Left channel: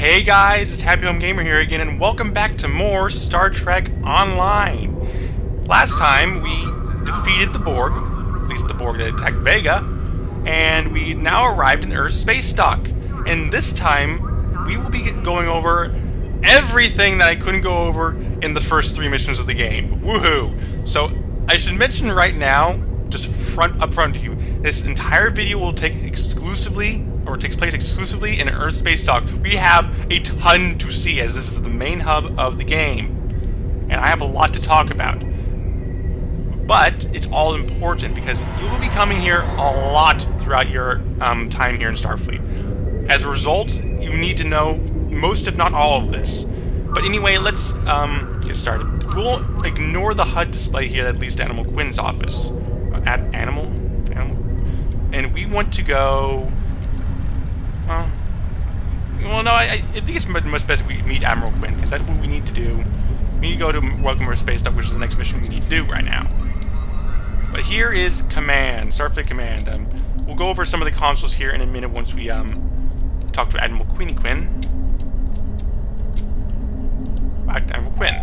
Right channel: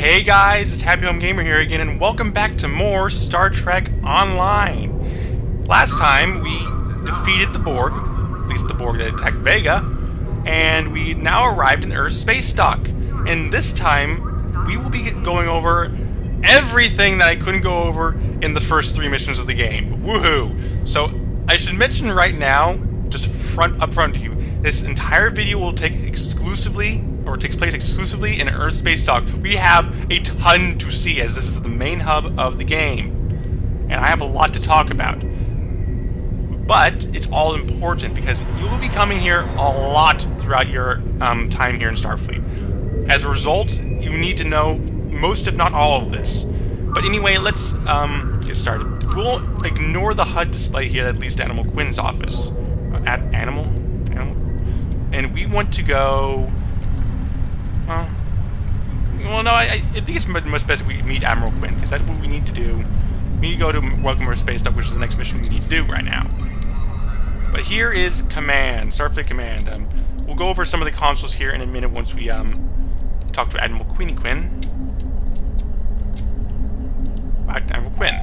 Hey guys, it's Happy Home Gamer here again, and welcome back to more Star Trek Online. Last time we defeated the Borg, at least the Borg that attacked Vega, and we now arrived in Earth Spacedock. And this time we will be going over everything that I couldn't go over in the first 3 missions of the game. Woohoo! So I should mention right now, just up front to you, this entire video will takes place exclusively in Earth Spacedock. We have a ton to see, as this is the main hub of the game, and I have a lot to talk about. But it's all important because you will be coming here a lot throughout your time here in Starfleet. As a result, you need to know most, if not all, of this. But anyway, let's get started. We'll ignore the HUD display here that leads to Admiral Quinn's office. Animal? And we want to go... Well, no, I think it's much best we meet Admiral Quinn, because that's what we need to do. We need to go to Welcome Earth Spacedock, which is the next mission we need to do right now. But here is Command, Starfleet Command. We'll go over some of the consoles here in a minute once we talk to Admiral Quinn. Admiral Quinn.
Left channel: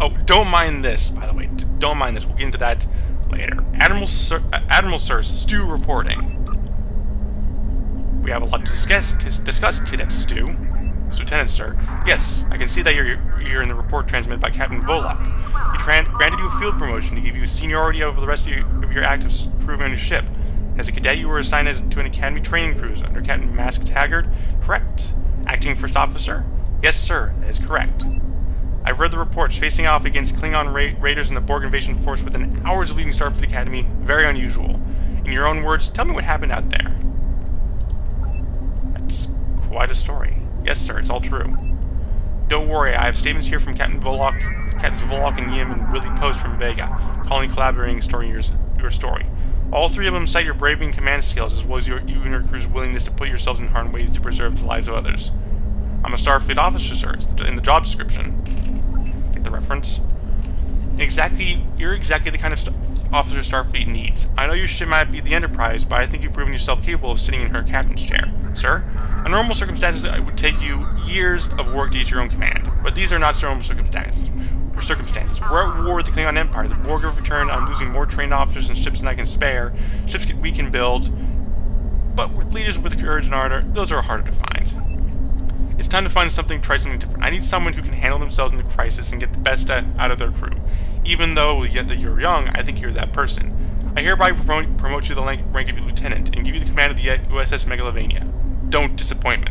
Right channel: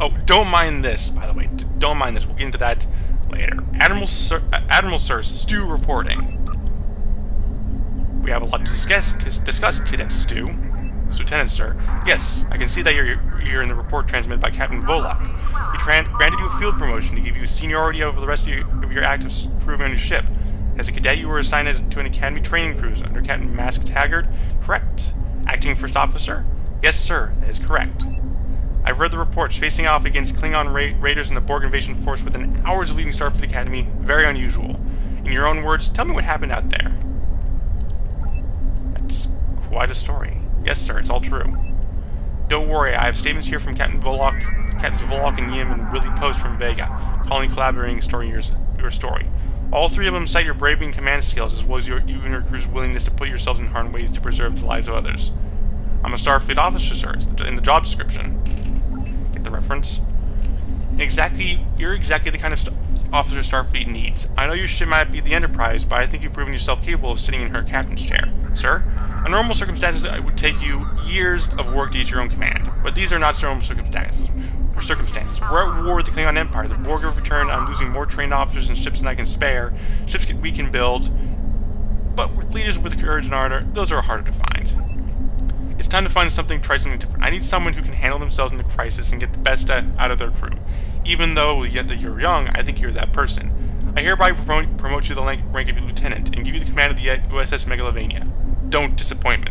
Oh, don't mind this, by the way. Don't mind this. We'll get into that later. Admiral Sir, Stu reporting. We have a lot to discuss, Cadet Stu. Lieutenant Sir. Yes, I can see that you're in the report transmitted by Captain Volok. He granted you a field promotion to give you seniority over the rest of your active crew on your ship. As a cadet, you were assigned to an academy training cruise under Captain Mask Taggart. Correct? Acting First Officer? Yes, sir. That is correct. I've read the reports. Facing off against Klingon raiders and the Borg invasion force within hours of leaving Starfleet Academy. Very unusual. In your own words, tell me what happened out there. That's quite a story. Yes, sir, it's all true. Don't worry, I have statements here from Captains Volok and Yim and Willie Post from Vega, calling collaborating story your story. All 3 of them cite your bravery and command skills, as well as you and your crew's willingness to put yourselves in harm's ways to preserve the lives of others. I'm a Starfleet officer, sir. It's in the job description. Get the reference? You're exactly the kind of officer Starfleet needs. I know your ship might be the Enterprise, but I think you've proven yourself capable of sitting in her captain's chair. Sir, under normal circumstances, it would take you years of work to get your own command, but these are not normal circumstances. We're at war with the Klingon Empire. The Borg have returned. I'm losing more trained officers and ships than I can spare. Ships we can build, but with leaders with courage and ardor, those are harder to find. It's time to find something, try something different. I need someone who can handle themselves in the crisis and get the best out of their crew. Even though you're young, I think you're that person. I hereby promote you to the rank of lieutenant and give you the command of the USS Megalovania. Don't disappoint me.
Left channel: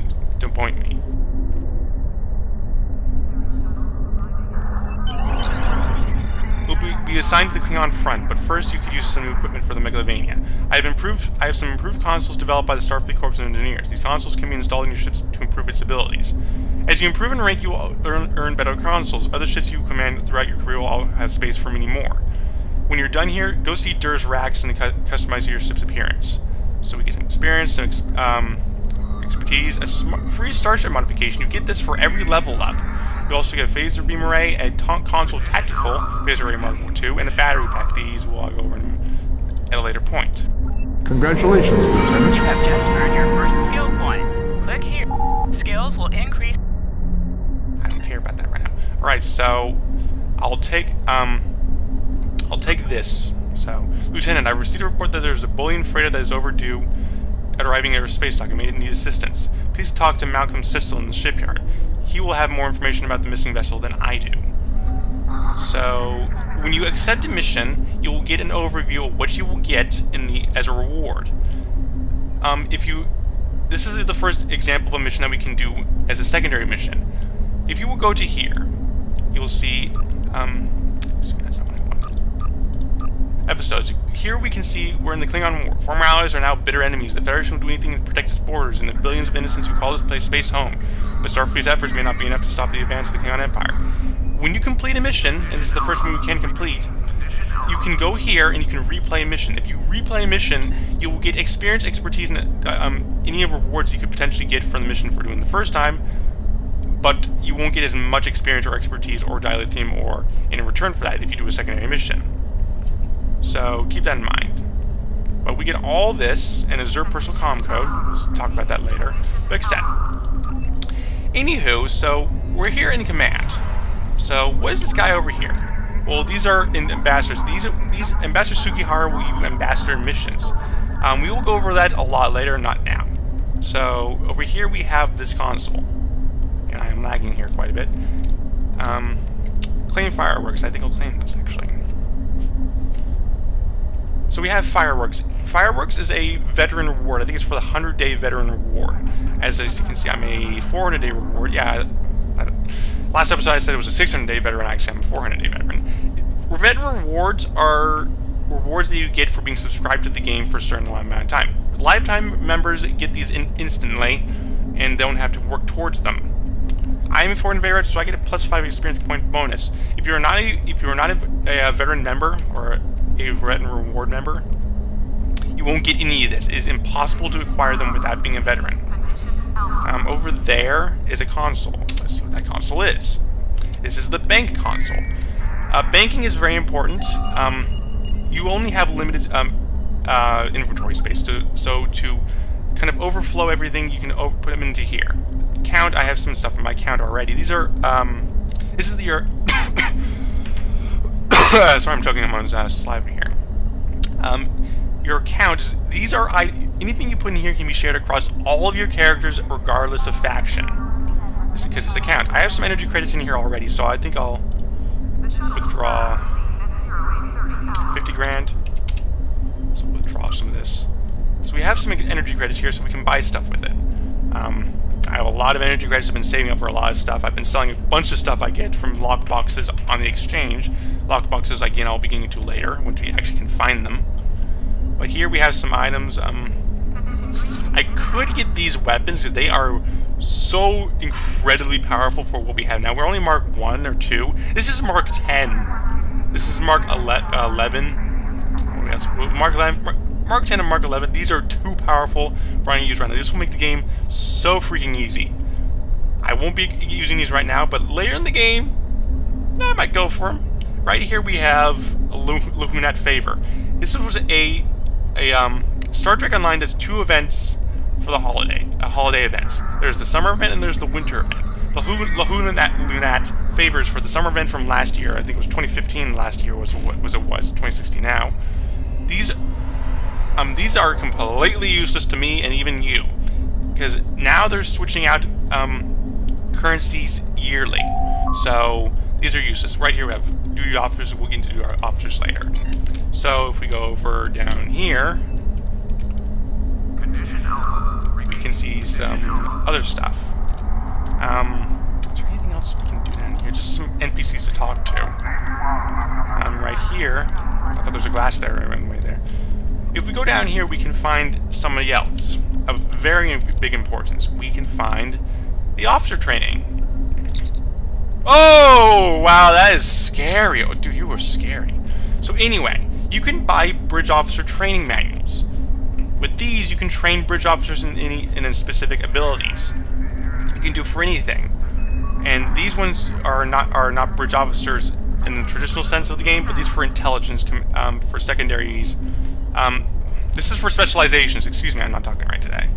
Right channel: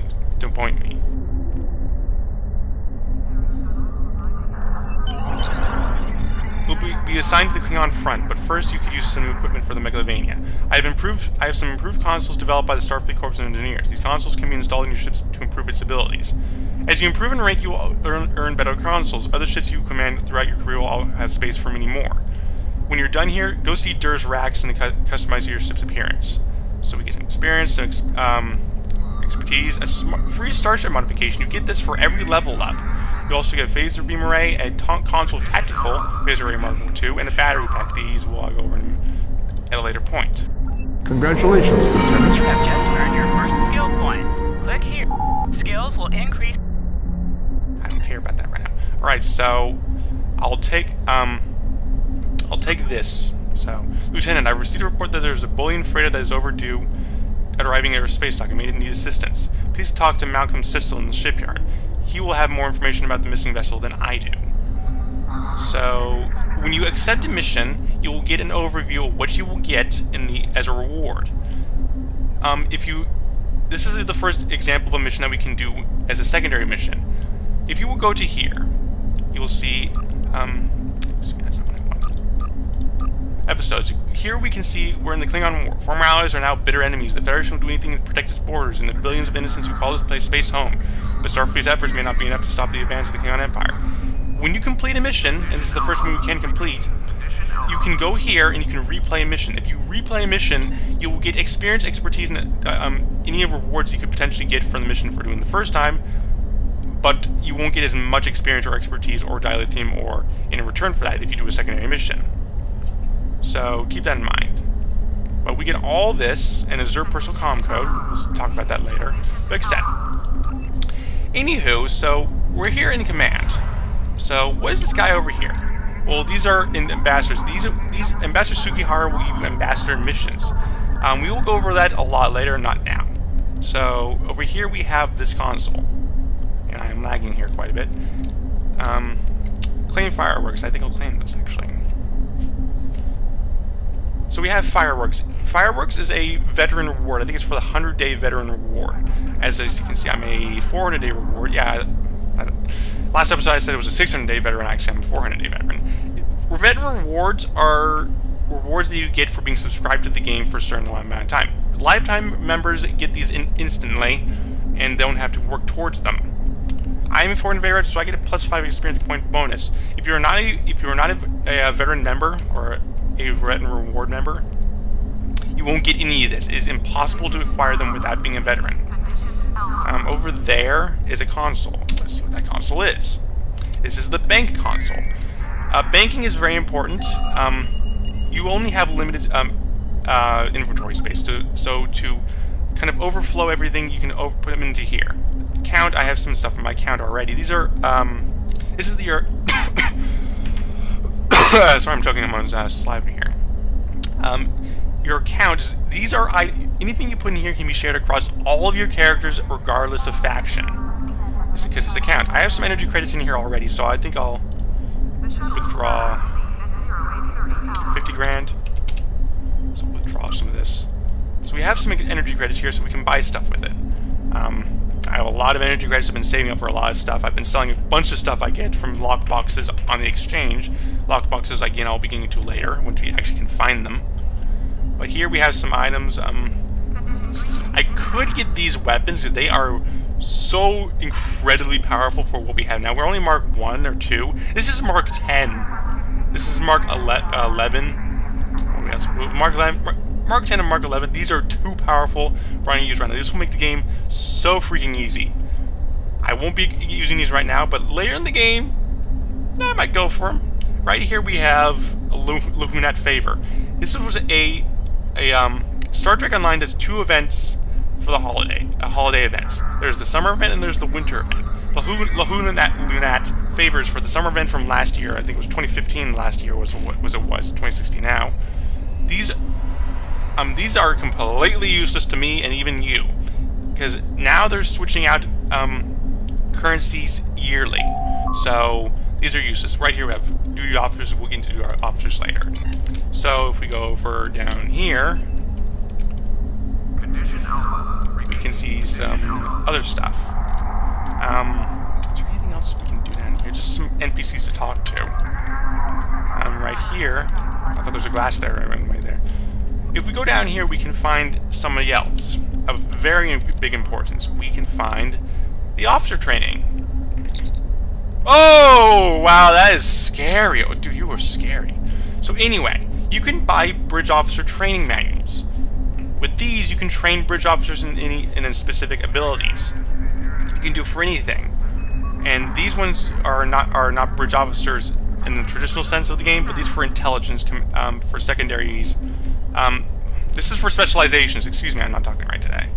We'll be assigned to the Klingon front, but first you could use some new equipment for the Megalovania. I have some improved consoles developed by the Starfleet Corps of Engineers. These consoles can be installed in your ships to improve its abilities. As you improve in rank, you will earn better consoles. Other ships you command throughout your career will all have space for many more. When you're done here, go see Dur's racks and customize your ship's appearance. So we get some experience, some expertise, a free starship modification. You get this for every level up. You also get a phaser beam array, a console tactical phaser array Mark II, and a battery pack. These we'll go over at a later point. Congratulations, Lieutenant. You have just earned your first skill points. Click here. Skills will increase. I don't care about that right now. Alright, so I'll take this. So, Lieutenant, I received a report that there's a bullion freighter that is overdue at arriving at Earth Spacedock and may need assistance. Please talk to Malcolm Sissel in the shipyard. He will have more information about the missing vessel than I do. So, when you accept a mission, you will get an overview of what you will get as a reward. This is the first example of a mission that we can do as a secondary mission. If you will go to here, you will see, that's not what I wanted. Episodes. Here we can see we're in the Klingon War. Former allies are now bitter enemies. The Federation will do anything to protect its borders and the billions of innocents who call this place space home. But Starfleet's efforts may not be enough to stop the advance of the Klingon Empire. When you complete a mission, and this is the first one we can complete, you can go here and you can replay a mission. If you replay a mission, you will get experience, expertise, and any rewards you could potentially get from the mission for doing the first time, but you won't get as much experience or expertise or dilithium or in return for that if you do a secondary mission. So keep that in mind. But we get all this and a Zerg personal comm code. We'll talk about that later. But accept. Anywho, so we're here in command. So what is this guy over here? Well, these are ambassadors. These Ambassador Sugihara will give you ambassador missions. We will go over that a lot later, not now. So over here we have this console, and I am lagging here quite a bit. Claim fireworks. I think I'll claim those actually. So we have fireworks. Fireworks is a veteran reward. I think it's for the 100-day veteran reward. As you can see, I'm a 400-day reward. Yeah. Last episode I said it was a 600-day veteran. Actually, I'm a 400-day veteran. Veteran rewards are rewards that you get for being subscribed to the game for a certain amount of time. Lifetime members get these instantly and don't have to work towards them. I'm a 400 veteran, so I get a +5 experience point bonus. If you're not a veteran member or a veteran reward member, you won't get any of this. It is impossible to acquire them without being a veteran. Over there is a console. Let's see what that console is. This is the bank console. Banking is very important. You only have limited inventory space, so to kind of overflow everything, you can put them into here. Count, I have some stuff in my count already. These are, this is your, sorry I'm choking, I'm on saliva here. Your account is, these are, anything you put in here can be shared across all of your characters regardless of faction. This is because it's a count. I have some energy credits in here already, so I think I'll withdraw 50 grand. So we'll withdraw some of this. So we have some energy credits here so we can buy stuff with it. I have a lot of energy credits I've been saving up for a lot of stuff. I've been selling a bunch of stuff I get from lockboxes on the exchange. Lockboxes, again, I'll be getting to later, once we actually can find them. But here we have some items. I could get these weapons because they are so incredibly powerful for what we have now. We're only Mark 1 or 2. This is Mark 10. This is Mark 11. Mark 10 and Mark 11. These are too powerful for any use right now. This will make the game so freaking easy. I won't be using these right now, but later in the game, I might go for them. Right here we have a Lahunat Favor. This was a Star Trek Online does 2 events for the holiday events. There's the summer event and there's the winter event. The Lahunat Favors for the summer event from last year. I think it was 2015 last year was 2016 now. These are completely useless to me and even you, because now they're switching out currencies yearly. So these are useless. Right here we have duty officers. We'll get into duty officers later. So if we go over down here, we can see some other stuff. Is there anything else we can do down here? Just some NPCs to talk to. Right here, I thought there was a glass there right away there. If we go down here, we can find somebody else of very big importance. We can find the officer training. Oh, wow, that is scary. Oh, dude, you were scary. So anyway, you can buy bridge officer training manuals. With these, you can train bridge officers in specific abilities. You can do for anything. And these ones are not bridge officers in the traditional sense of the game, but these for intelligence, for secondaries. This is for specializations. Excuse me, I'm not talking right today.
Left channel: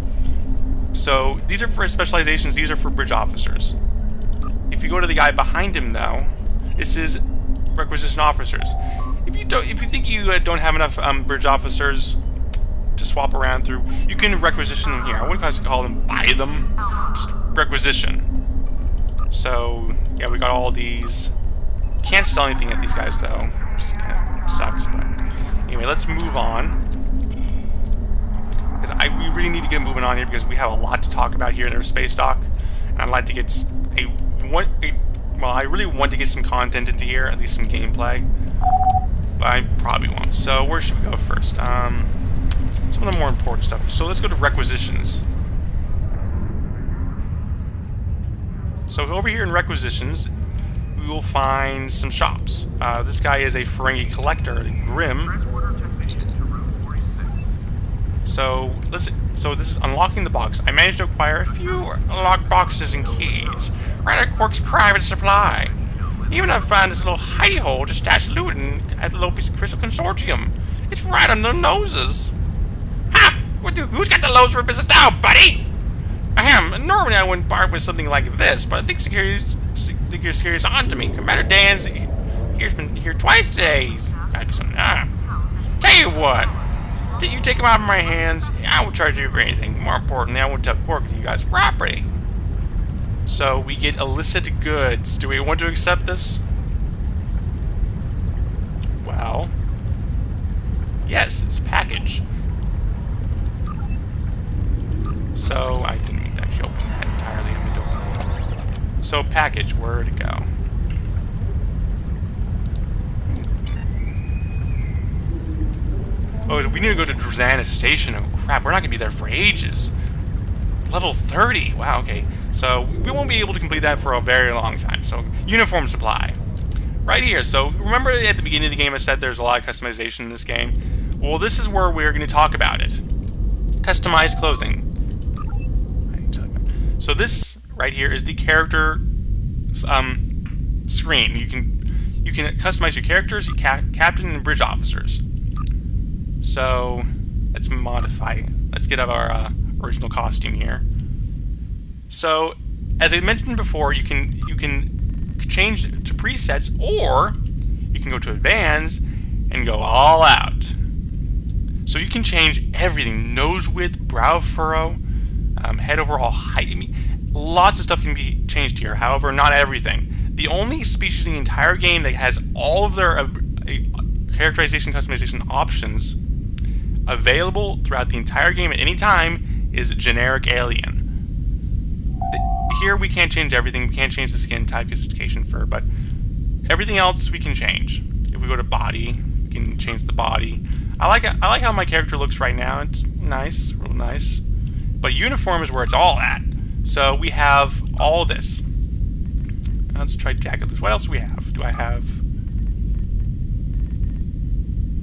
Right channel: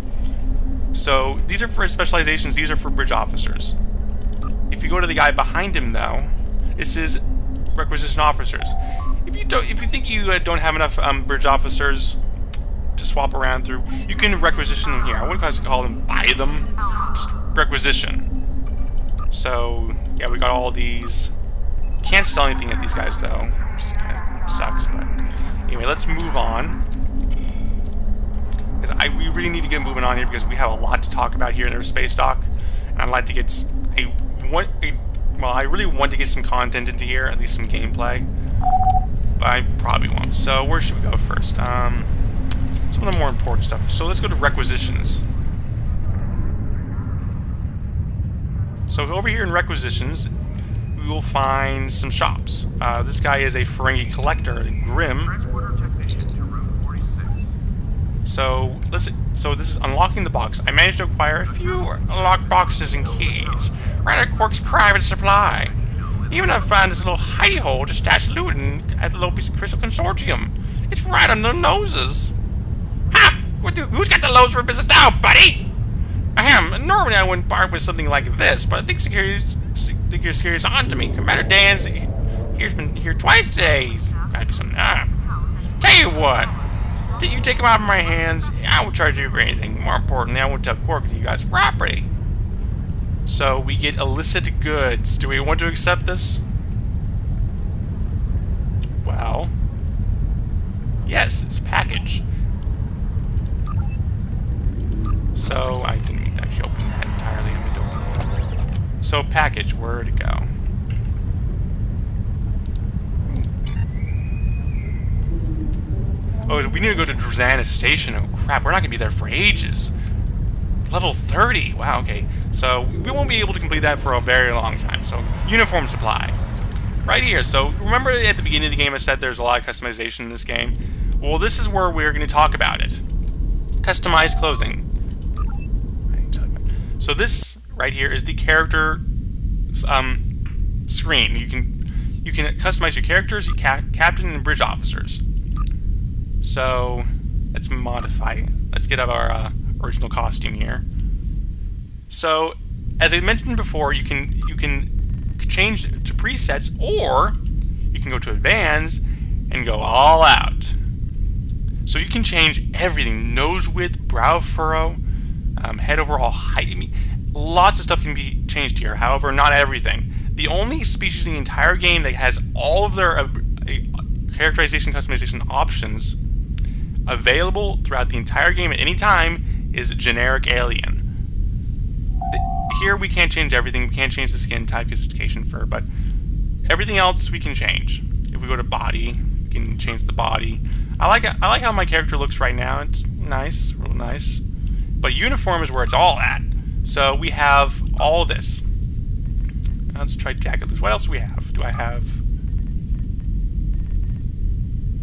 So these are for specializations. These are for bridge officers. If you go to the guy behind him, though, this is requisition officers. If you think you don't have enough bridge officers to swap around through, you can requisition them here. I wouldn't call them buy them, just requisition. So yeah, we got all these. Can't sell anything at these guys though, which kind of sucks. But anyway, let's move on. We really need to get moving on here because we have a lot to talk about here in Earth Spacedock, and I'd like to get well, I really want to get some content into here, at least some gameplay, but I probably won't. So where should we go first? Some of the more important stuff. So let's go to requisitions. So over here in requisitions, we will find some shops. This guy is a Ferengi collector, Grim. So this is unlocking the box. I managed to acquire a few locked boxes and keys. Right at Quark's private supply. Even I found this little hidey hole to stash loot at the Lopez Crystal Consortium. It's right on their noses. Ha! Who's got the loads for business now, buddy? Ahem, normally I wouldn't bark with something like this, but I think your security's on to me. Commander Dan's here's been here twice today. He's gotta be something. Tell you what, did you take him out of my hands? I won't charge you for anything. More importantly, I won't tell Quark that you guys' property. So we get illicit goods. Do we want to accept this? Well, yes, it's a package. So I didn't mean to actually open that entirely. I meant to open it. So package, where'd it go? Oh, we need to go to Drazana Station. Oh crap, we're not gonna be there for ages. Level 30. Wow, okay. So we won't be able to complete that for a very long time. So uniform supply. Right here. So remember at the beginning of the game I said there's a lot of customization in this game? Well, this is where we're going to talk about it. Customized clothing. So this right here is the character screen. You can customize your characters, your captain, and bridge officers. So let's modify. Let's get out our original costume here. So as I mentioned before, you can change to presets, or you can go to advanced and go all out. So you can change everything: nose width, brow furrow, head overall height. I mean, lots of stuff can be changed here. However, not everything. The only species in the entire game that has all of their characterization customization options available throughout the entire game at any time is generic alien. Here we can't change everything. We can't change the skin type, sophistication, fur, but everything else we can change. If we go to body, we can change the body. I like how my character looks right now. It's nice, real nice. But uniform is where it's all at. So we have all this. Let's try jacket loose. What else do we have? Do I have?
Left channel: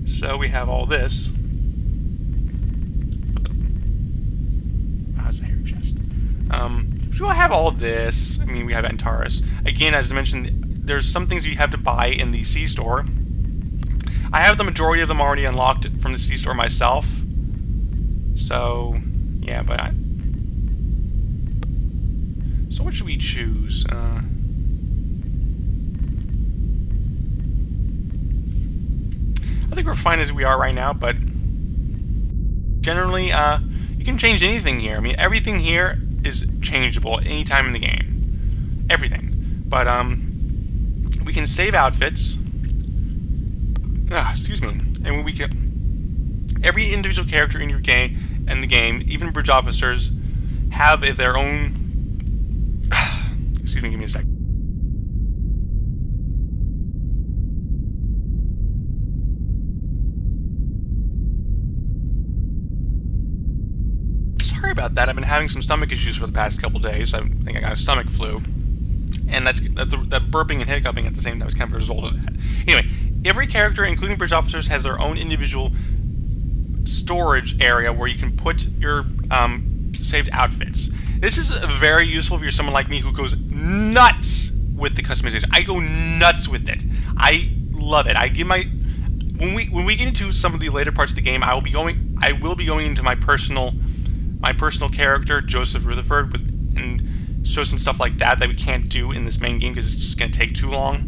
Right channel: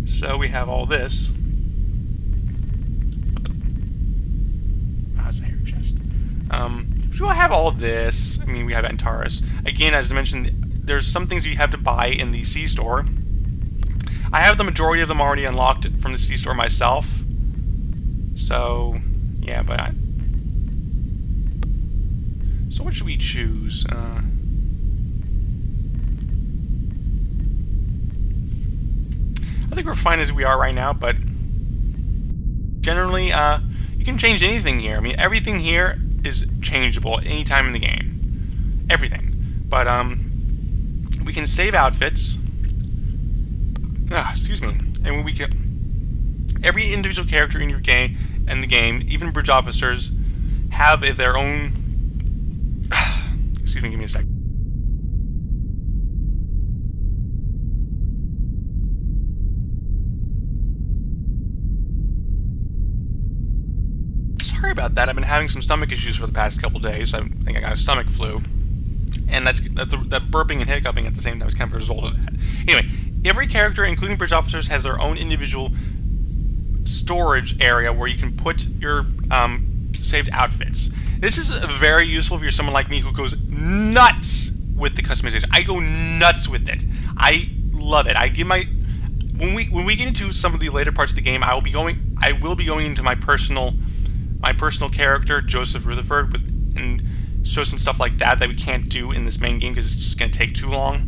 So we have all this. What the? That's a hair chest. So we'll have all this. I mean, we have Antares. Again, as I mentioned, there's some things you have to buy in the C-store. I have the majority of them already unlocked from the C-store myself. So, yeah, but so what should we choose? I think we're fine as we are right now, but generally, you can change anything here. I mean, everything here is changeable at any time in the game. Everything. But, we can save outfits. Excuse me. And we can... Every individual character in your game, even bridge officers, have their own... Excuse me, give me a sec. Sorry about that. I've been having some stomach issues for the past couple days. I think I got a stomach flu, and that burping and hiccuping at the same time is kind of a result of that. Anyway, every character, including bridge officers, has their own individual storage area where you can put your saved outfits. This is very useful if you're someone like me who goes nuts with the customization. I go nuts with it. I love it. I give my when we get into some of the later parts of the game, I will be going into my personal character, Joseph Rutherford, and show some stuff like that we can't do in this main game because it's just going to take too long.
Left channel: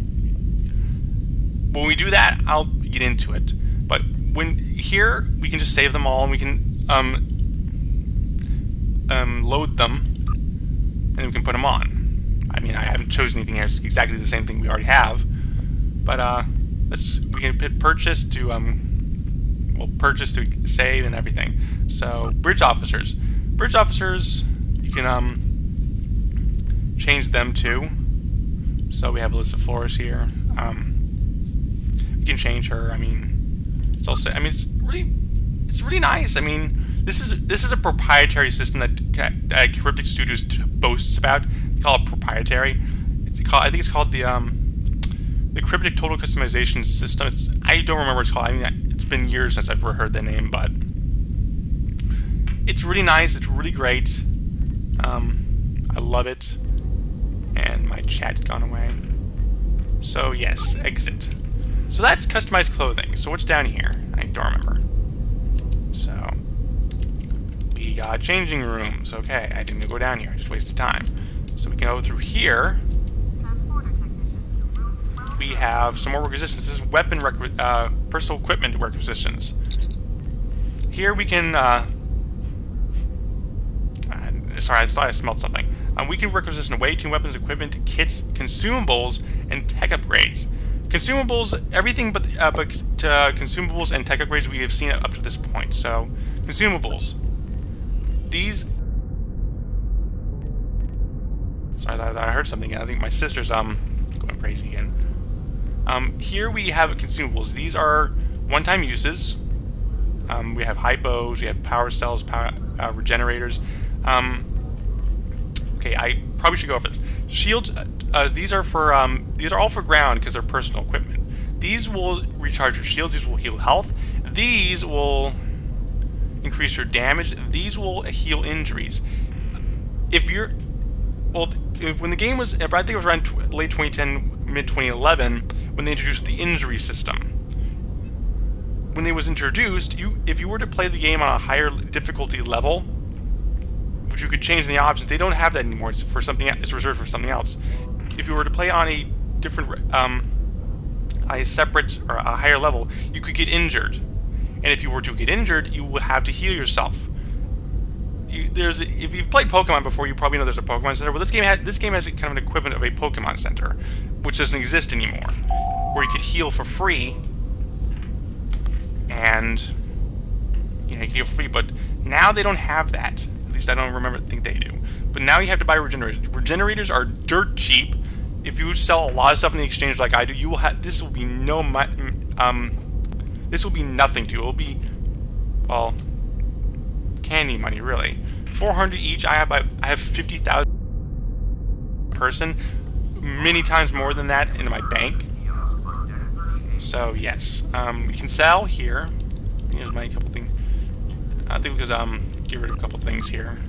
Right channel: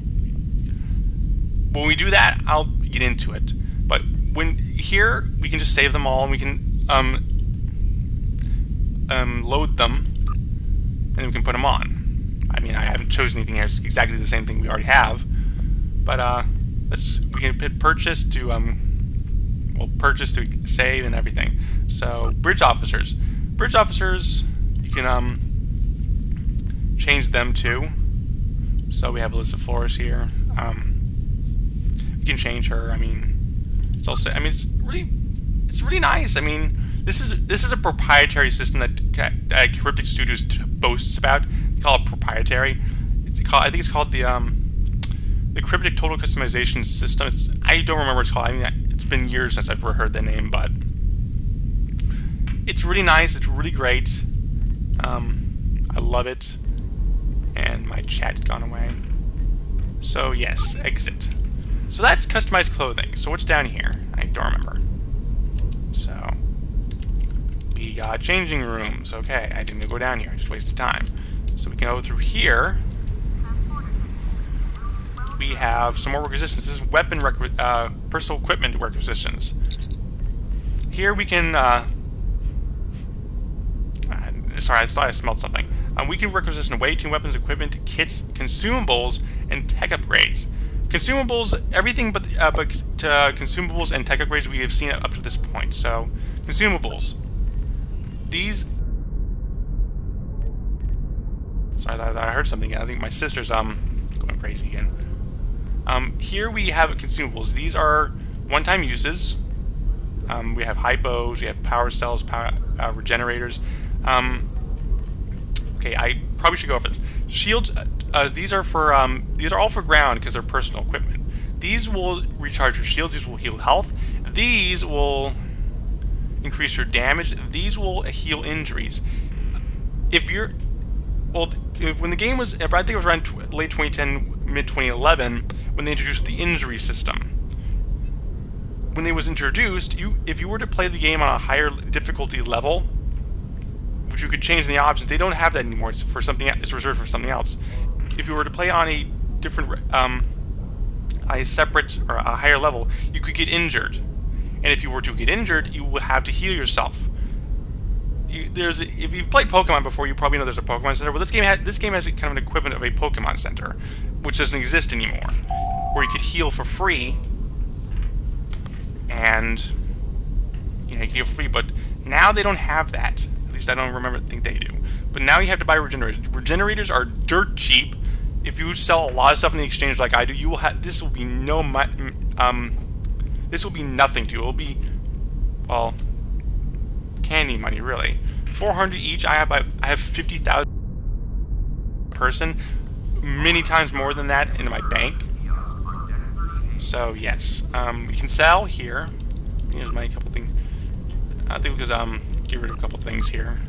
When we do that, I'll get into it. But here we can just save them all, and we can load them, and then we can put them on. I mean, I haven't chosen anything here. It's exactly the same thing we already have. But we can hit purchase to purchase to save and everything. So bridge officers, you can change them too. So we have Alyssa Flores here. You can change her. I mean, it's also. I mean, it's really nice. I mean, this is a proprietary system that Cryptic Studios boasts about. They call it proprietary. I think it's called the Cryptic Total Customization System. I don't remember what it's called. I mean, it's been years since I've heard the name, but it's really nice. It's really great. I love it. And my chat's gone away. So yes, exit. So that's customized clothing. So what's down here? I don't remember. So we got changing rooms. Okay, I didn't go down here. I just wasted time. So we can go through here. We have some more requisitions. This is weapon personal equipment requisitions. Here we can. Sorry, I thought I smelled something. We can requisition away to weapons, equipment, kits, consumables, and tech upgrades. Consumables, everything but consumables and tech upgrades we have seen up to this point. So, consumables. These. Sorry, I heard something. I think my sister's going crazy again. Here we have consumables. These are one-time uses. We have hypos. We have power cells, power regenerators. Okay, I probably should go over this. Shields. These are all for ground because they're personal equipment. These will recharge your shields. These will heal health. These will increase your damage. These will heal injuries. When the game was, I think it was around late 2010, mid 2011, when they introduced the injury system. When it was introduced, if you were to play the game on a higher difficulty level, which you could change in the options, they don't have that anymore. It's for something. It's reserved for something else. If you were to play on a different, a separate or a higher level, you could get injured, and if you were to get injured, you would have to heal yourself. If you've played Pokemon before, you probably know there's a Pokemon Center. Well, this game has kind of an equivalent of a Pokemon Center, which doesn't exist anymore, where you could heal for free, and you can heal for free. But now they don't have that. At least I don't think they do. But now you have to buy regenerators. Regenerators are dirt cheap. If you sell a lot of stuff in the exchange like I do, you will have. This will be this will be nothing to you. It will be, well, candy money really. 400 each. I have 50,000 person, many times more than that in my bank. So yes, we can sell here. Here's my couple things. I think because get rid of a couple things here.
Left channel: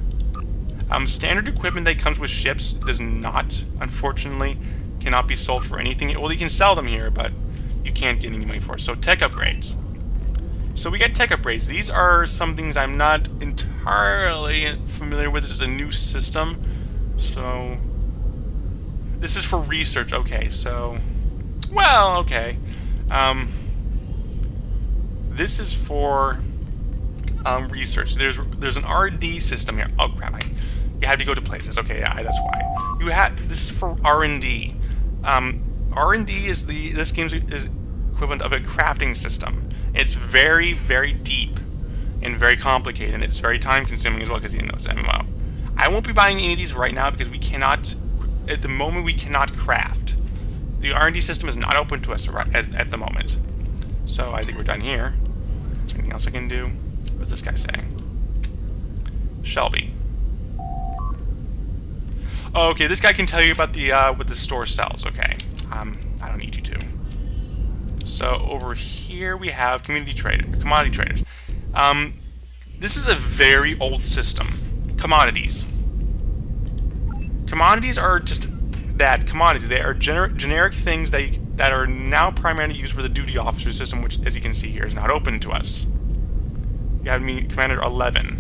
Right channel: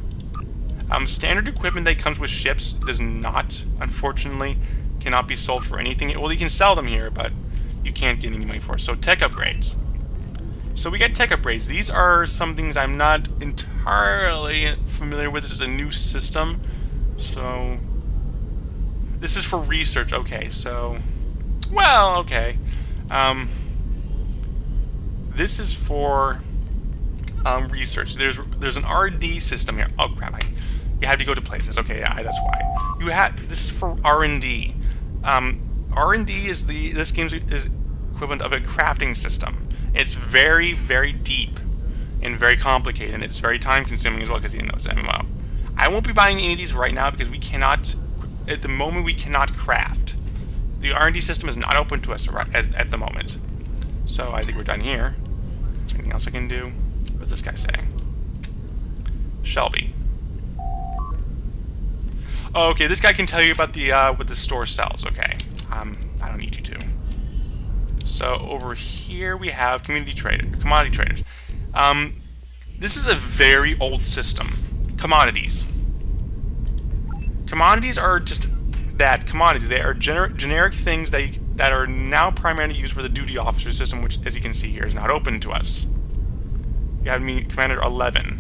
Standard equipment that comes with ships does not, unfortunately, cannot be sold for anything. Well, you can sell them here, but you can't get any money for it. So tech upgrades. So we got tech upgrades. These are some things I'm not entirely familiar with. It's a new system. So this is for research. Okay, so well, okay. This is for research. There's an R&D system here. Oh crap! You have to go to places. Okay, yeah, that's why. This is for R&D. R&D is this game's is equivalent of a crafting system. It's very, very deep and very complicated, and it's very time-consuming as well because it's MMO. I won't be buying any of these right now because we cannot, at the moment, we cannot craft. The R&D system is not open to us at the moment. So I think we're done here. Is there anything else I can do? What's this guy saying? Shelby. Oh, okay, this guy can tell you about the what the store sells. Okay, I don't need you to. So over here we have commodity traders. This is a very old system. Commodities. Commodities are just that, commodities. They are generic things that are now primarily used for the duty officer system, which, as you can see here, is not open to us. You have me Commander 11.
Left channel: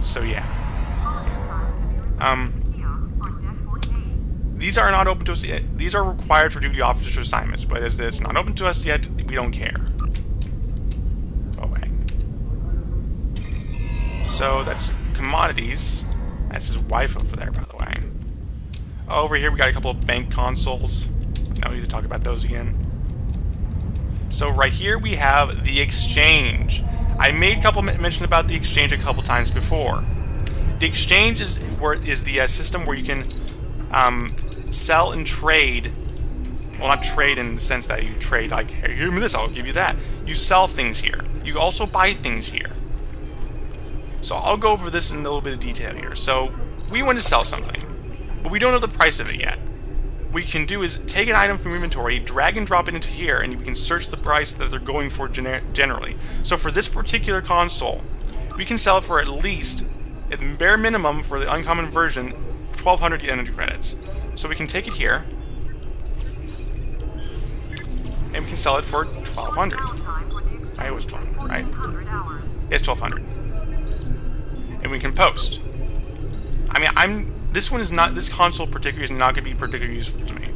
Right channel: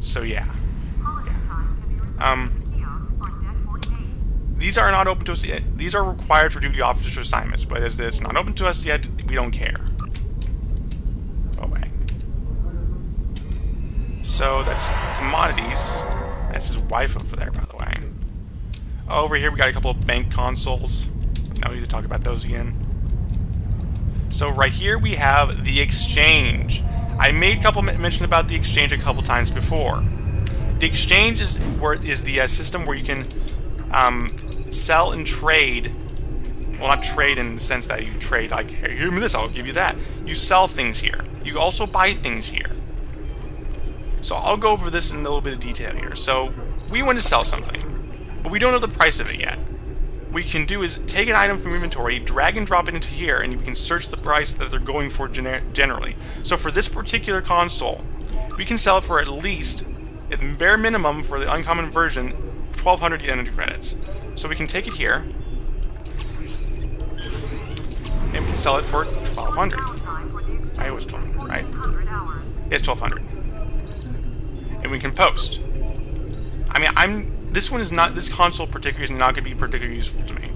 So yeah. These are not open to us yet. These are required for duty officer assignments, but as it's not open to us yet, we don't care. Go away. So that's commodities. That's his wife over there, by the way. Over here we got a couple of bank consoles. No need to talk about those again. So right here we have the exchange. I made a couple mention about the exchange a couple times before. The exchange is the system where you can sell and trade. Well, not trade in the sense that you trade like, hey, give me this, I'll give you that. You sell things here. You also buy things here. So I'll go over this in a little bit of detail here. So we want to sell something, but we don't know the price of it yet. What we can do is take an item from inventory, drag and drop it into here, and we can search the price that they're going for generally. So for this particular console, we can sell it for at least, at the bare minimum for the uncommon version, 1,200 energy credits. So we can take it here, and we can sell it for 1,200. I was 1,200, right? It's 1,200. we can post. I mean, this console particularly is not going to be particularly useful to me.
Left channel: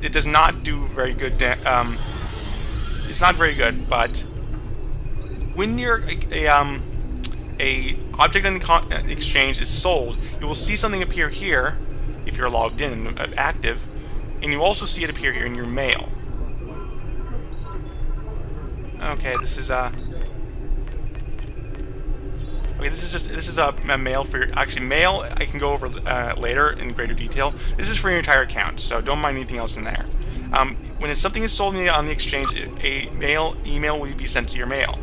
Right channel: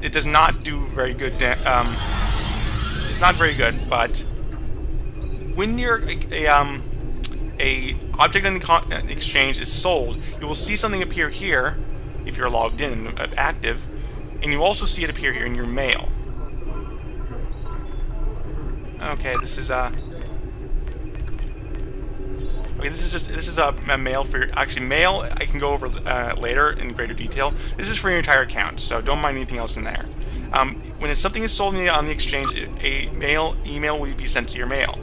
It does not do very good, it's not very good, but when you're a object in the exchange is sold, you will see something appear here if you're logged in and active, and you also see it appear here in your mail. Okay, this is a mail for your, actually mail I can go over later in greater detail. This is for your entire account, so don't mind anything else in there. When something is sold on the exchange, a email will be sent to your mail.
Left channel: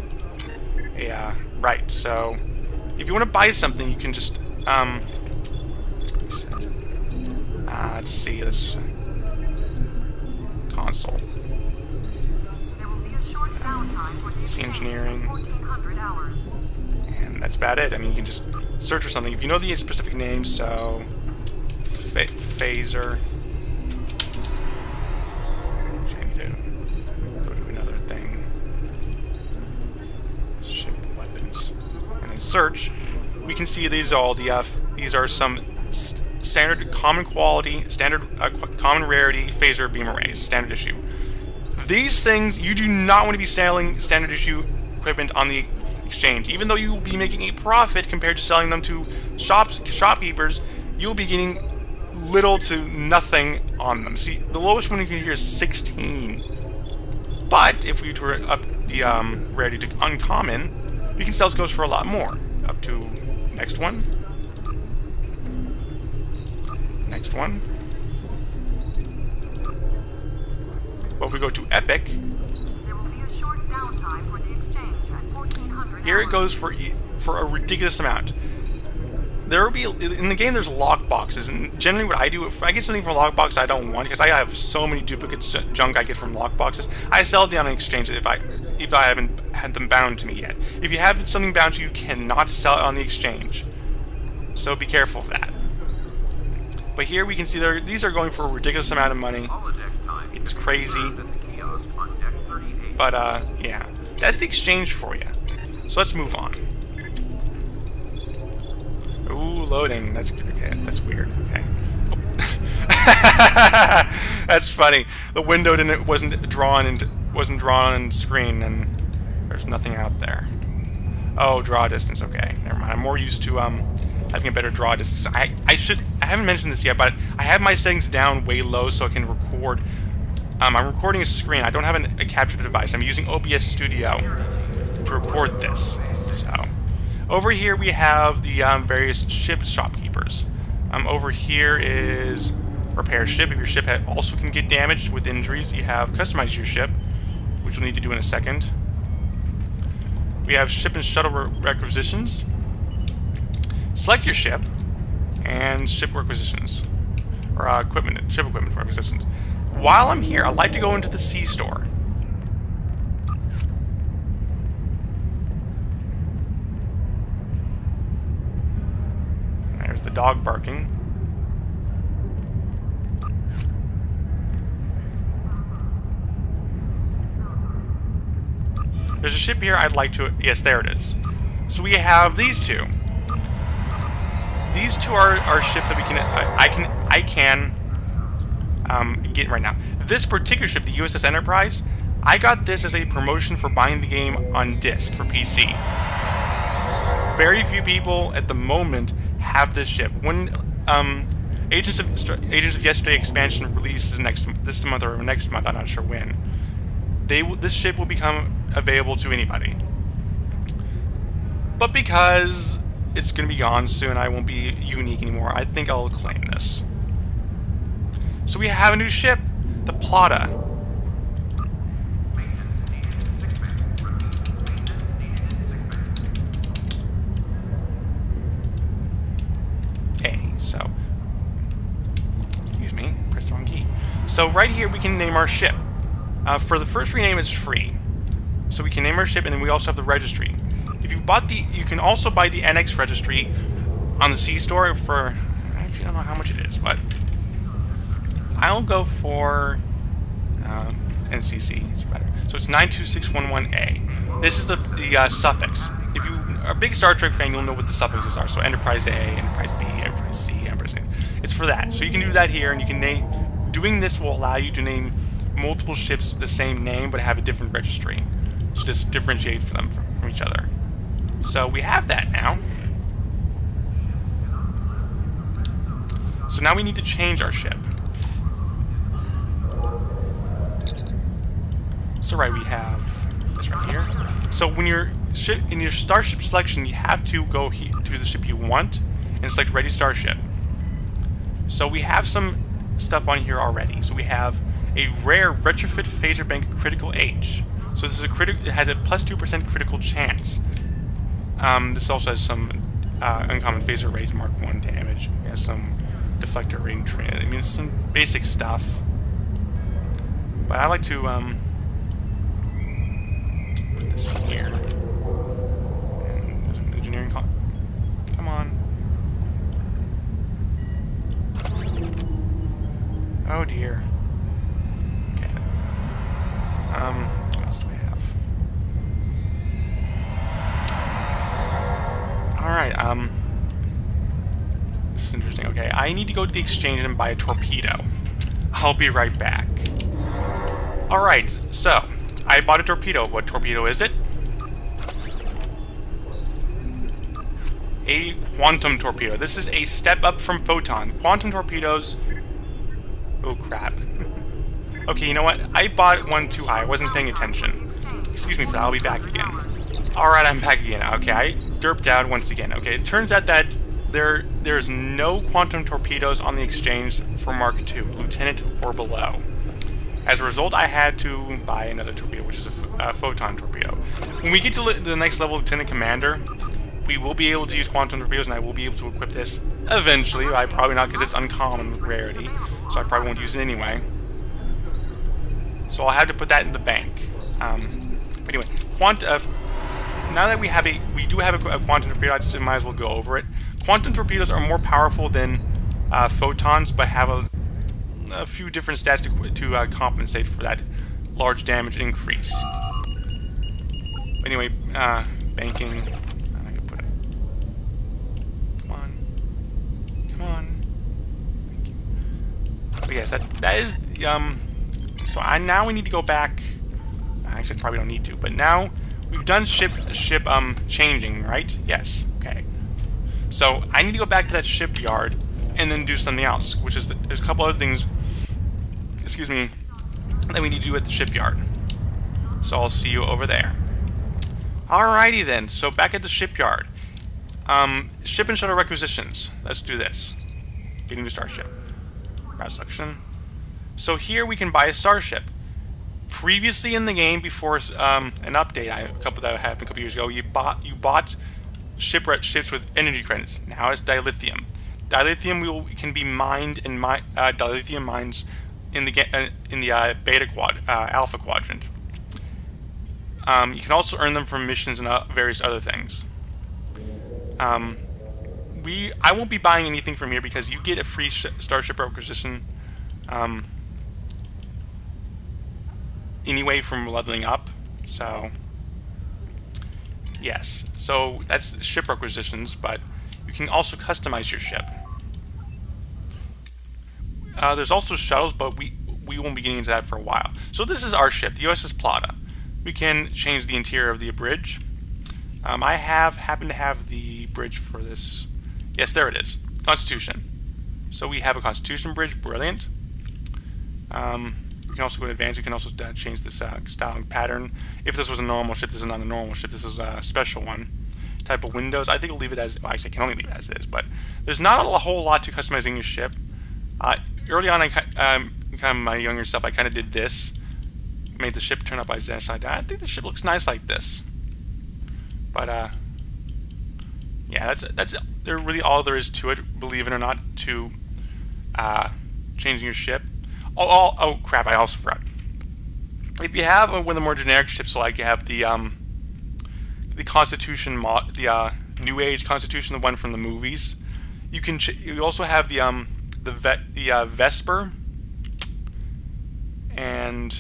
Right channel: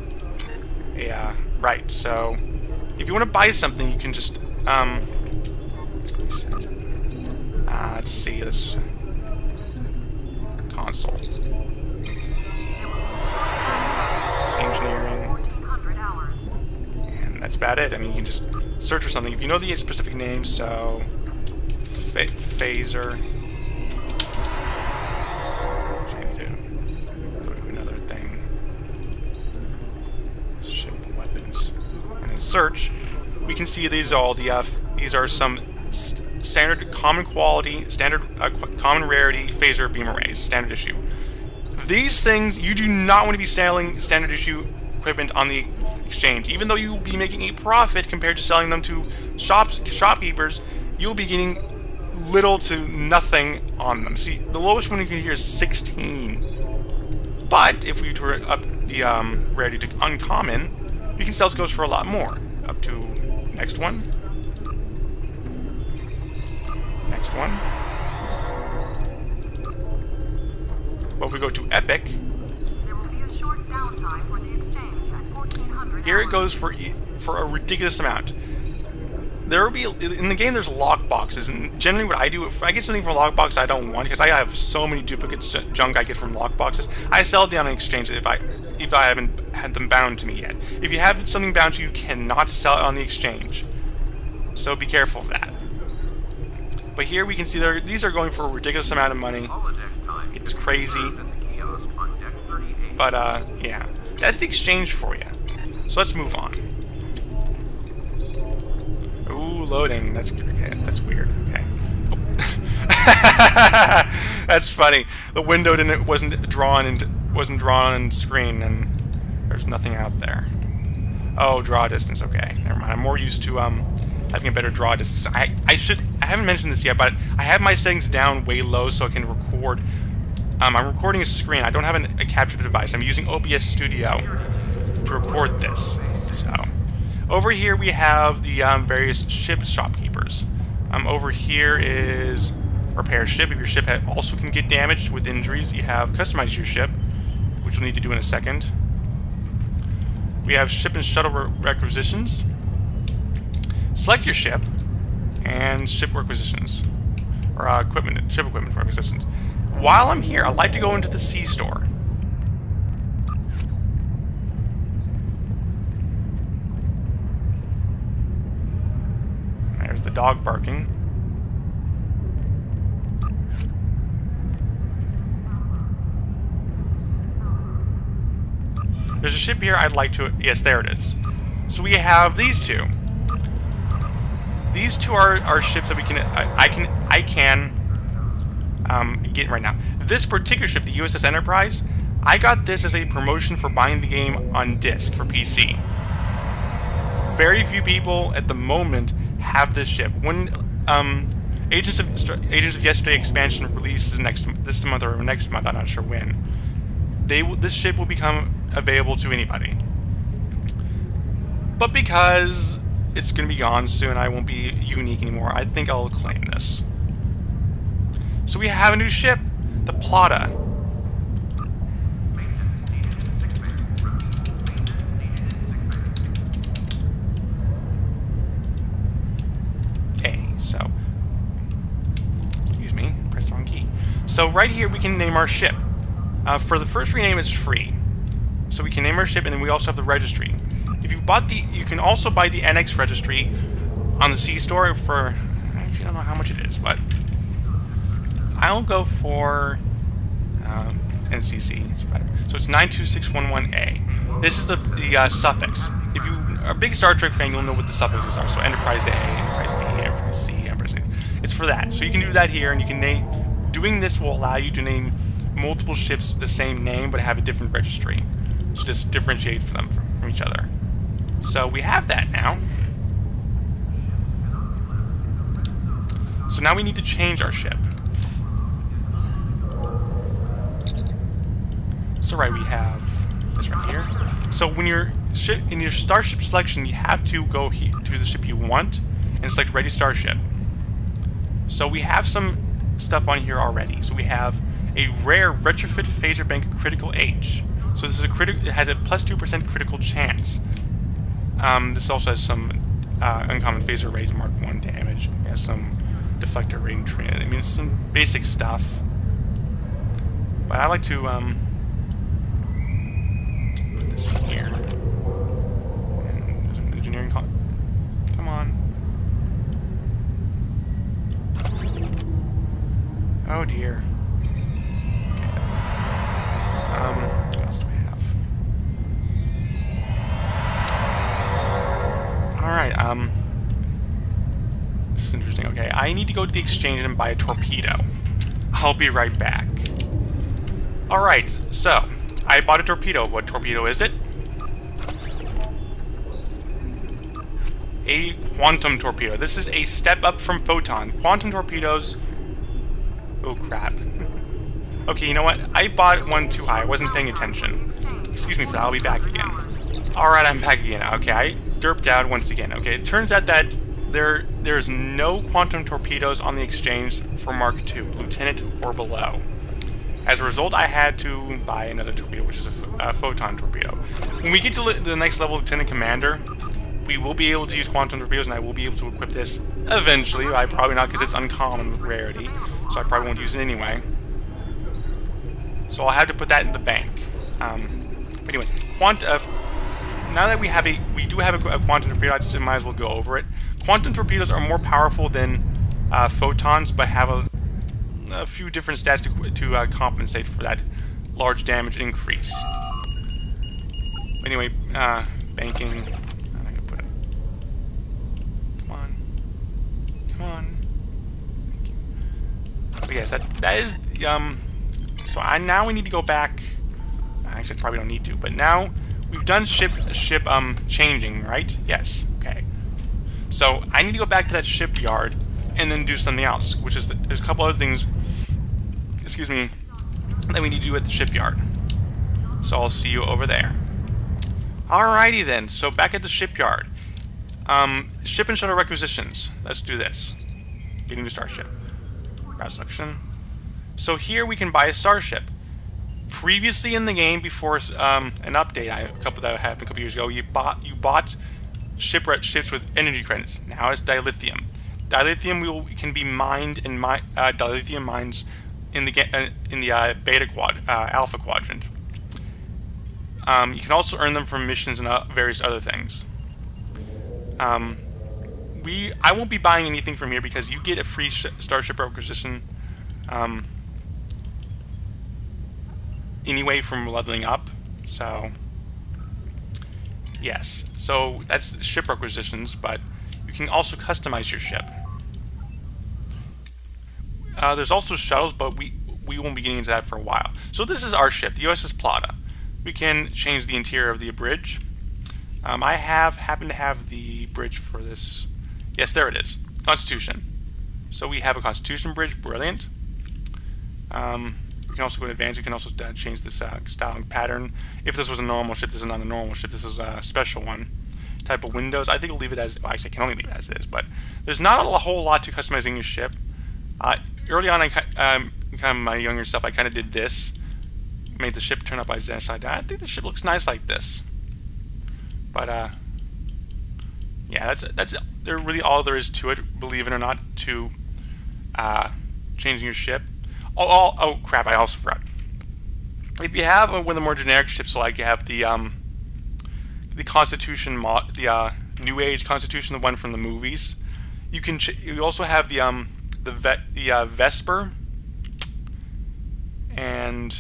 Right, so if you want to buy something, you can just let's see this console. It's engineering. And that's about it. I mean, you can just search for something. If you know the specific name, so phaser. I need to go to another thing. Ship weapons. And then search. We can see these are all these are some standard common quality, common rarity phaser beam arrays, standard issue. These things, you do not want to be selling standard issue equipment on the exchange. Even though you will be making a profit compared to selling them to shopkeepers, you'll be getting little to nothing on them. See, the lowest one you can hear is 16. But if we were up the rarity to uncommon, you can sell scopes for a lot more. Up to next one. Next one. But if we go to epic, there will be a short downtime for the exchange at 1400. Here it goes for a ridiculous amount. There will be in the game. There's lock boxes, and generally what I do, if I get something from a lock box I don't want, because I have so many duplicate junk I get from lock boxes, I sell it on an exchange if I haven't had them bound to me yet. If you have something bound to you, you cannot sell it on the exchange. So be careful of that. But here we can see these are going for a ridiculous amount of money. It's crazy. But yeah, that's the exchange for you. So let's move on. Ooh, loading. That's okay. That's weird. Okay. That's funny. The window wasn't drawn in screen, and there's nothing out there. Oh, draw distance. Okay, never mind. I'm more used to having a better draw distance. I haven't mentioned this yet, but I have my settings down way low so I can record. I'm recording a screen. I don't have a capture device. I'm using OBS Studio to record this. So over here we have the various ship shopkeepers. Over here is repair ship. If your ship also can get damaged with injuries, you have customize your ship, which we'll need to do in a second. We have ship and shuttle requisitions. Select your ship and ship requisitions, or ship equipment requisitions. While I'm here, I'd like to go into the C store. There's the dog barking. There's a ship here I'd like to... Yes, there it is. So we have these two. These two are ships that we can... I can get right now. This particular ship, the USS Enterprise, I got this as a promotion for buying the game on disc for PC. Very few people at the moment have this ship. When Agents of Yesterday expansion releases this month or next month, I'm not sure when, this ship will become available to anybody. But because it's going to be gone soon, I won't be unique anymore, I think I'll claim this. So we have a new ship, the Plata. So, excuse me, press the wrong key. So right here we can name our ship. For the first rename, it's free. So we can name our ship, and then we also have the registry. If you've bought you can also buy the NX registry on the C store for, I actually don't know how much it is, but I'll go for NCC. It's better. So it's 92611A. This is the suffix. If you a big Star Trek fan, you'll know what the suffixes are. So Enterprise A, Enterprise B, Enterprise C, Enterprise A. It's for that. So you can do that here, and you can name. Doing this will allow you to name multiple ships the same name, but have a different registry. So just differentiate them from each other. So we have that now. So now we need to change our ship. So right, we have this right here. So when you're in your starship selection, you have to go to the ship you want and select Ready Starship. So we have some stuff on here already. So we have a rare retrofit phaser bank critical H. So this is it has a plus 2% critical chance. This also has some uncommon phaser rays Mark 1 damage. It has some deflector rating trend. I mean, it's some basic stuff. But I like to put this here. And there's an engineering call. Come on. Oh dear. Okay. What else do we have? Alright, this is interesting. Okay, I need to go to the exchange and buy a torpedo. I'll be right back. Alright, so, I bought a torpedo. What torpedo is it? A quantum torpedo. This is a step up from photon. Quantum torpedoes... Oh, crap. Okay, you know what? I bought one too high. I wasn't paying attention. Excuse me for that. I'll be back again. Alright, I'm back again. Okay, I derped out once again. Okay, it turns out that there's no quantum torpedoes on the exchange for Mark II, Lieutenant or below. As a result, I had to buy another torpedo, which is a photon torpedo. When we get to the next level, Lieutenant Commander, we will be able to use quantum torpedoes, and I will be able to equip this eventually. I probably not, because it's uncommon rarity, so I probably won't use it anyway. So I'll have to put that in the bank. But anyway, now that we do have a quantum torpedo, I just might as well go over it. Quantum torpedoes are more powerful than photons, but have a few different stats to compensate for that large damage increase. But anyway, banking. I can put it. Come on. Thank you. But yes, that is So now we need to go back. Actually, I probably don't need to, but now we've done ship changing, right? Yes. Okay. So I need to go back to that shipyard and then do something else, which is there's a couple other things. Excuse me, that we need to do at the shipyard. So I'll see you over there. Alrighty then. So back at the shipyard. Ship and shuttle requisitions. Let's do this. Getting to starship. Browse selection. So here we can buy a starship. Previously in the game, before an update, a couple that happened a couple years ago, you bought ships with energy credits. Now it's dilithium. Dilithium can be mined in dilithium mines in the alpha quadrant. You can also earn them from missions and various other things. I won't be buying anything from here because you get a free starship requisition anyway from leveling up. So yes, so that's ship requisitions, but you can also customize your ship. There's also shuttles, but we won't be getting into that for a while. So this is our ship, the USS Plata. We can change the interior of the bridge. I happen to have the bridge for this. Yes, there it is. Constitution. So we have a Constitution bridge. Brilliant. We can also go to advanced. We can also change this styling pattern. If this was a normal ship, this is not a normal ship. This is a special one. Type of windows. I think I'll leave it as. Well, actually, I can only leave it as it is. But there's not a whole lot to customizing your ship. Early on, kind of my younger stuff, I kind of did this. Made the ship turn up side down. I think the ship looks nice like this. But yeah, that's really all there is to it. Believe it or not, to changing your ship. Oh crap! I also forgot. If you have one of the more generic ships, like you have the Constitution mod, the New Age Constitution, the one from the movies, you also have the Vesper and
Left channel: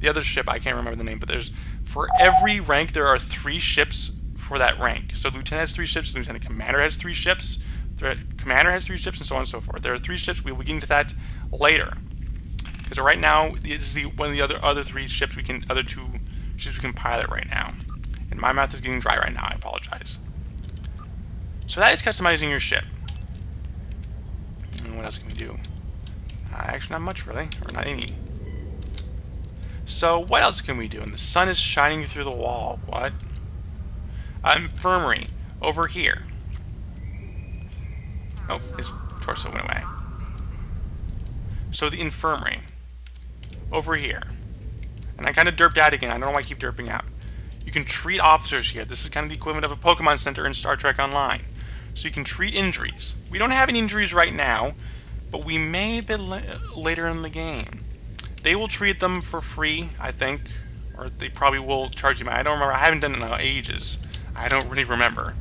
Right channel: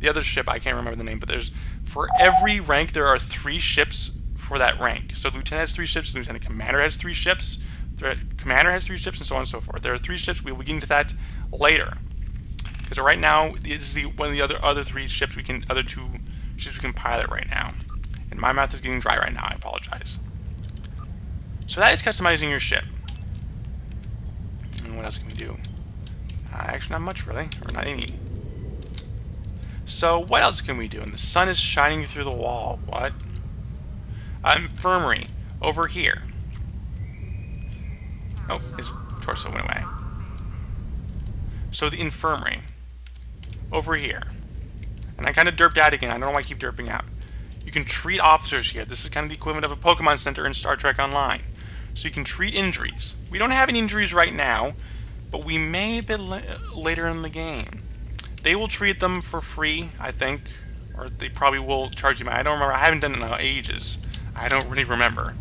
the other ship. I can't remember the name, but there's For every rank, there are 3 ships for that rank. So the lieutenant has 3 ships, the lieutenant commander has 3 ships, the commander has 3 ships, and so on and so forth. There are 3 ships. We will get into that later. Because right now, this is one of the other 3 ships other 2 ships we can pilot right now. And my mouth is getting dry right now. I apologize. So that is customizing your ship. And what else can we do? Actually, not much really, or not any. So what else can we do? And the sun is shining through the wall. What? Infirmary over here. Oh, his torso went away. So the infirmary over here. And I kind of derped out again. I don't know why I keep derping out. You can treat officers here. This is kind of the equivalent of a Pokemon Center in Star Trek Online. So you can treat injuries. We don't have any injuries right now, but we may a bit later in the game. They will treat them for free, I think, or they probably will charge you. I don't remember. I haven't done it in ages. I don't really remember.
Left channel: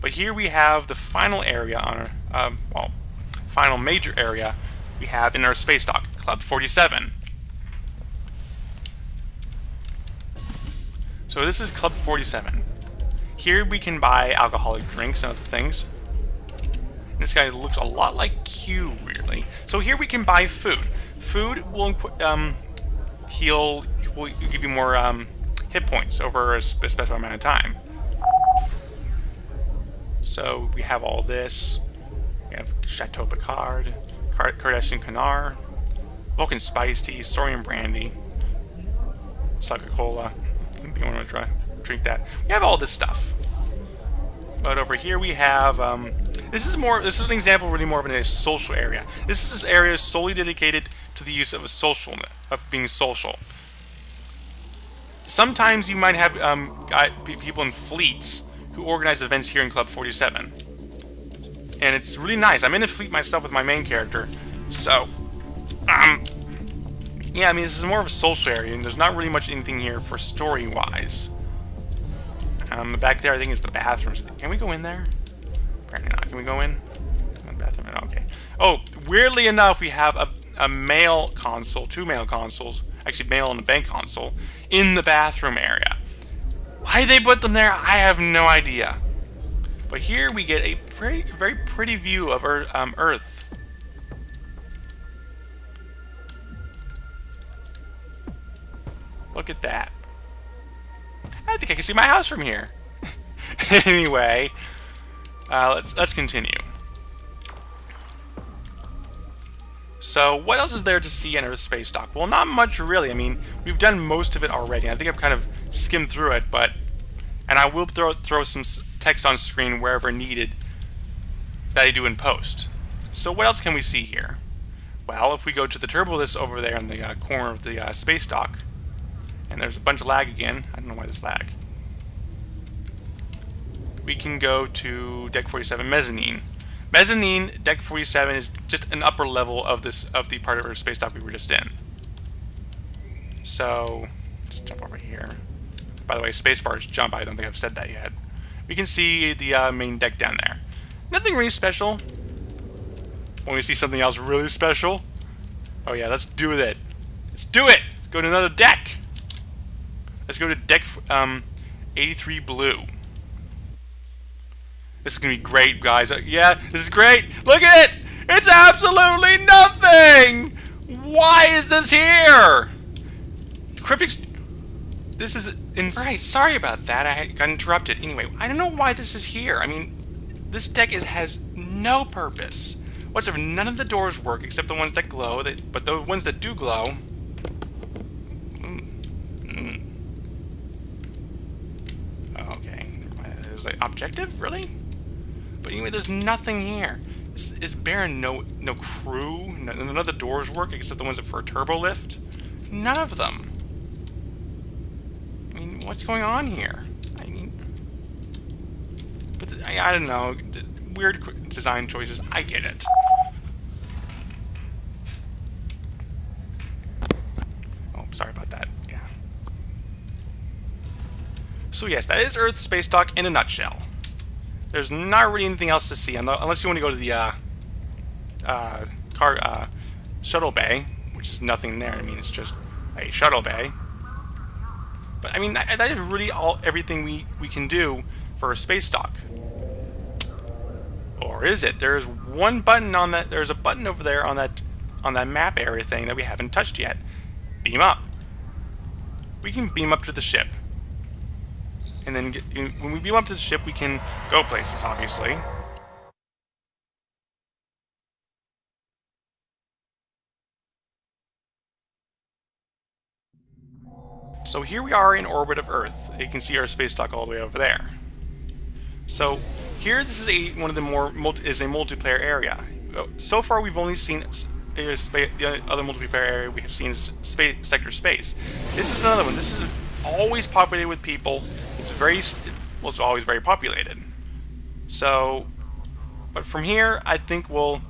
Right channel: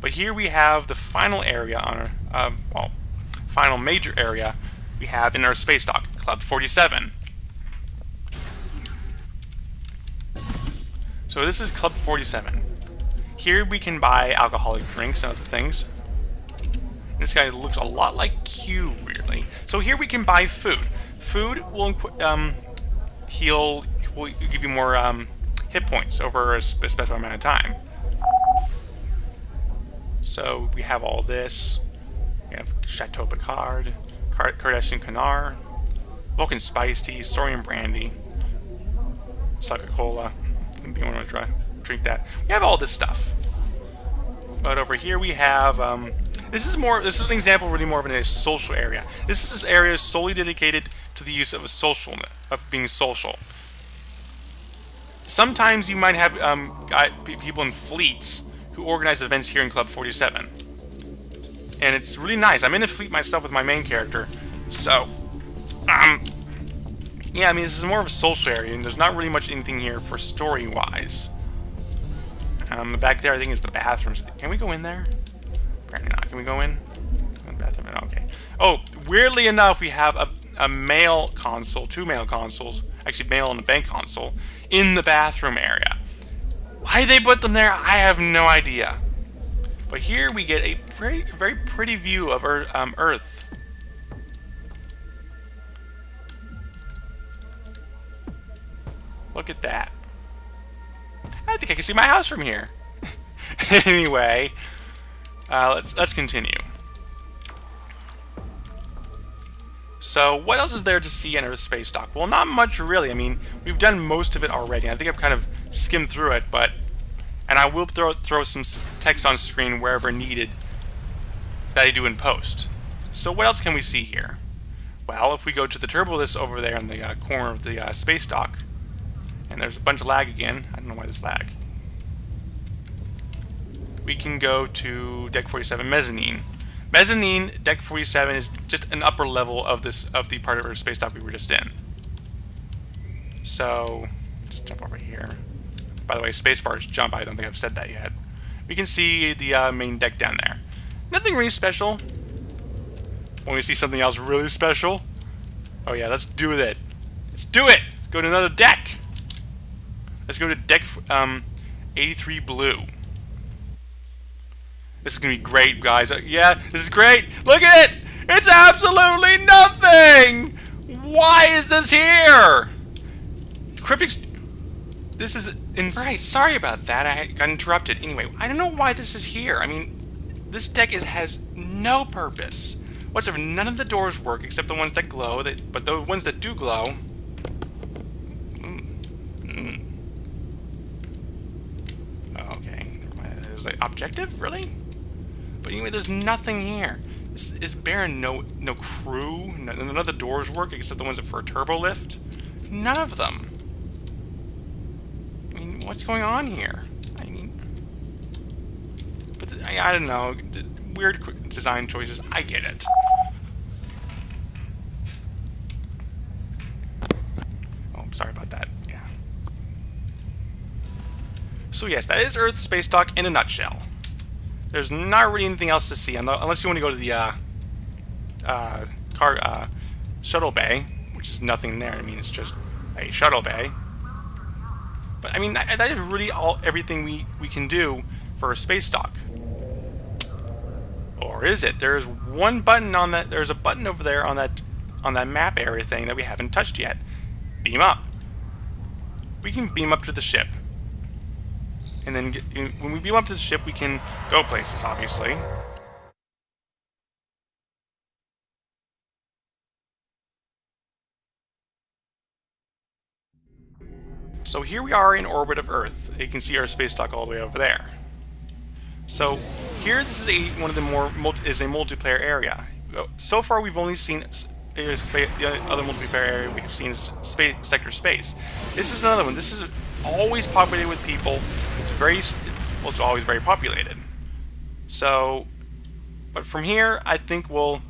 But here we have the final area on our, well, final major area we have in our Spacedock, Club 47. So this is Club 47. Here we can buy alcoholic drinks and other things. This guy looks a lot like Q, weirdly. So here we can buy food. Food will will give you more hit points over a specified amount of time. So we have all this. We have Chateau Picard, Cardassian Canar, Vulcan Spice Tea, Saurian Brandy, Coca-Cola. I think I want to drink that. We have all this stuff. But over here we have this is an example really more of a social area. This area is solely dedicated to the use of being social. Sometimes you might have people in fleets who organize events here in Club 47. And it's really nice. I'm in a fleet myself with my main character. So yeah, I mean, this is more of a social area, and there's not really much anything here for story-wise. Back there, I think, is the bathrooms. Can we go in there? Apparently not. Can we go in? Bathroom. Okay. Oh, weirdly enough, we have a male console, 2 male consoles, actually male and a bank console, in the bathroom area. Why they put them there, I have no idea. But here we get a very, very pretty view of Earth. Look at that. I think I can see my house from here. Anyway, let's continue. So, what else is there to see in Earth Spacedock? Well, not much really. I mean, we've done most of it already. I think I've kind of skimmed through it, and I will throw some text on screen wherever needed that I do in post. So, what else can we see here? Well, if we go to the turbo list over there in the corner of the Spacedock, and there's a bunch of lag again. I don't know why there's lag. We can go to Deck 47 Mezzanine. Mezzanine, Deck 47 is just an upper level of the part of our Spacedock we were just in. So, just jump over here. By the way, spacebar is jump. I don't think I've said that yet. We can see the main deck down there. Nothing really special. When we see something else really special, oh yeah, let's do it. Let's do it. Let's go to another deck. Let's go to Deck 83 Blue. This is going to be great, guys. Yeah, this is great. Look at it. It's absolutely nothing. Why is this here? Cryptic... This is... Alright, sorry about that. I got interrupted. Anyway, I don't know why this is here. I mean, this deck has no purpose whatsoever. None of the doors work except the ones that glow. But the ones that do glow... Okay, never mind. It was like objective, really? But anyway, there's nothing here. This is barren. No crew. None of the doors work except the ones that for a turbo lift. None of them. I mean, what's going on here? I mean, but I don't know. Weird design choices. I get it. Oh, sorry about that. Yeah. So yes, that is Earth Spacedock in a nutshell. There's not really anything else to see, unless you want to go to the shuttle bay, which is nothing there. I mean, it's just a shuttle bay. But I mean, that is really everything we can do for a space dock. Or is it? There's one button on that. There's a button over there on that map area thing that we haven't touched yet. Beam up. We can beam up to the ship, and then when we beam up to the ship, we can go places. Obviously. So here we are in orbit of Earth. You can see our space dock all the way over there. So here, this is one of the more is a multiplayer area. So far, we've only seen the other multiplayer area we have seen is sector space. This is another one. This is always populated with people. It's it's always very populated. So, but from here, I think we'll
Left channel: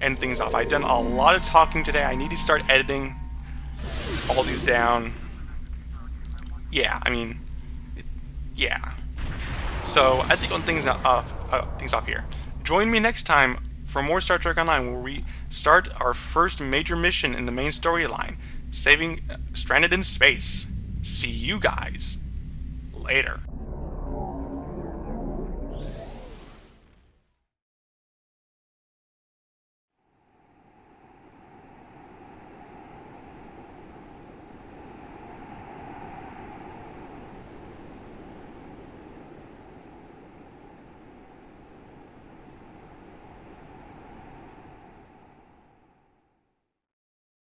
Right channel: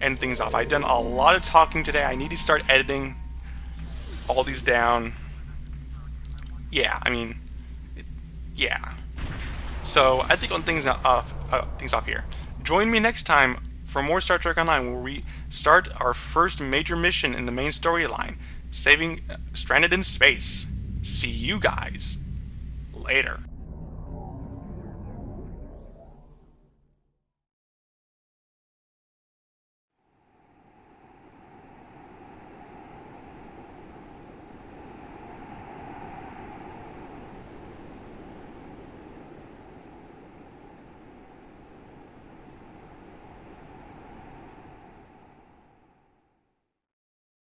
end things off. I've done a lot of talking today. I need to start editing all these down. Yeah, I mean, yeah. So I think on things off here. Join me next time for more Star Trek Online, where we start our first major mission in the main storyline, saving Stranded in Space. See you guys later.